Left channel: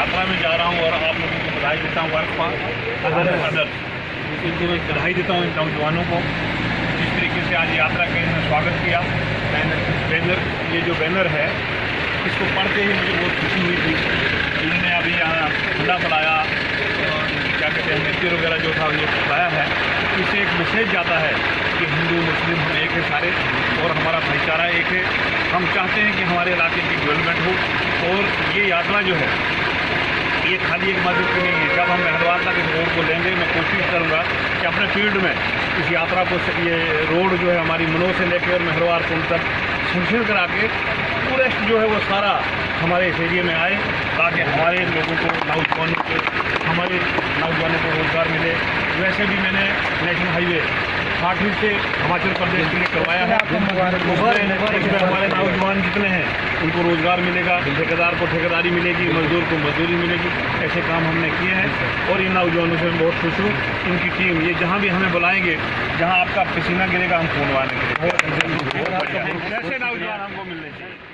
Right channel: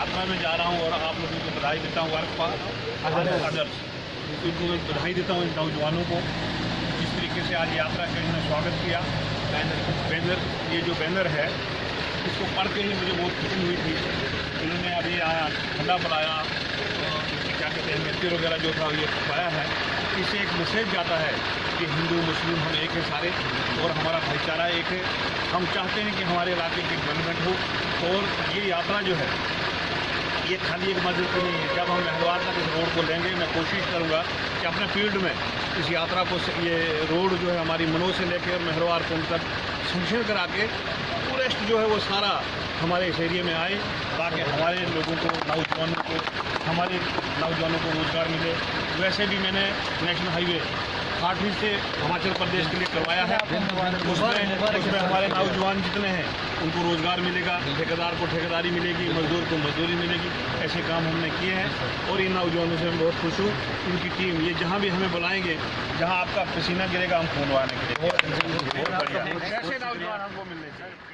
यात्रा में जा रहा हूँ और आप लोगों को बधाई देता हूँ। वर्क फॉर अदर्स, इनको मैं बधाई देता हूँ इन नौजवानों को जिस तरीके से आज यात्रा के इन्होंने स्वागत किया। बैनर ये जो बैनर है इसको पढ़ते ही मुझे बहुत खुशी हुई थी। इन्होंने अभी यहाँ ठंडा पिलाया और क्या कहते हैं नृत्य वगैरह जो था ये पाया है। इससे एक मैसेज जाता है कि हिंदू मुस्लिम हम एक है सारे और हमारा भाईचारा एक है। हम चाहते हैं कि हमारे इलाके की डेवलपमेंट हो और ये यात्रा जो है ये खाली एक मस्जिद की नहीं है। जब हम मेहरवार तक इस रोड को लेंगे मैं कोशिश करूँगा कि अपने फील्ड में इस यात्रा को ये रोड जो है हमारी मनोज से लेकर और मेहरवार पुल तक सेंक्शन करा के टूरिस्ट जो है वो सारा हमारे इस एरिया में आए ताकि हमारे लोगों को हमारे नौजवानों को रोज़गार मिले। वैसे भी मैंने नेशनल हाईवे 60 से हिमाचल प्रदेश के लिए करवाया है। उसमें हमारे नौजवान जितने हैं उनको रोज़गार मिलेगा, ठेकेदार को ठेकेदारी मिलेगी, मजदूर को मजदूरी मिलेगी। ऐसे काम हमने किए हैं और इन नौजवानों से मैं बहुत खुश हूँ। इनकी टीम ये जहाँ भी हमें बुलाएंगे, जहाँ आपका पसीना गिरेगा हम फोन वाले बहुत बढ़िया। ऐसे नौजवान हमको मिलने चाहिए।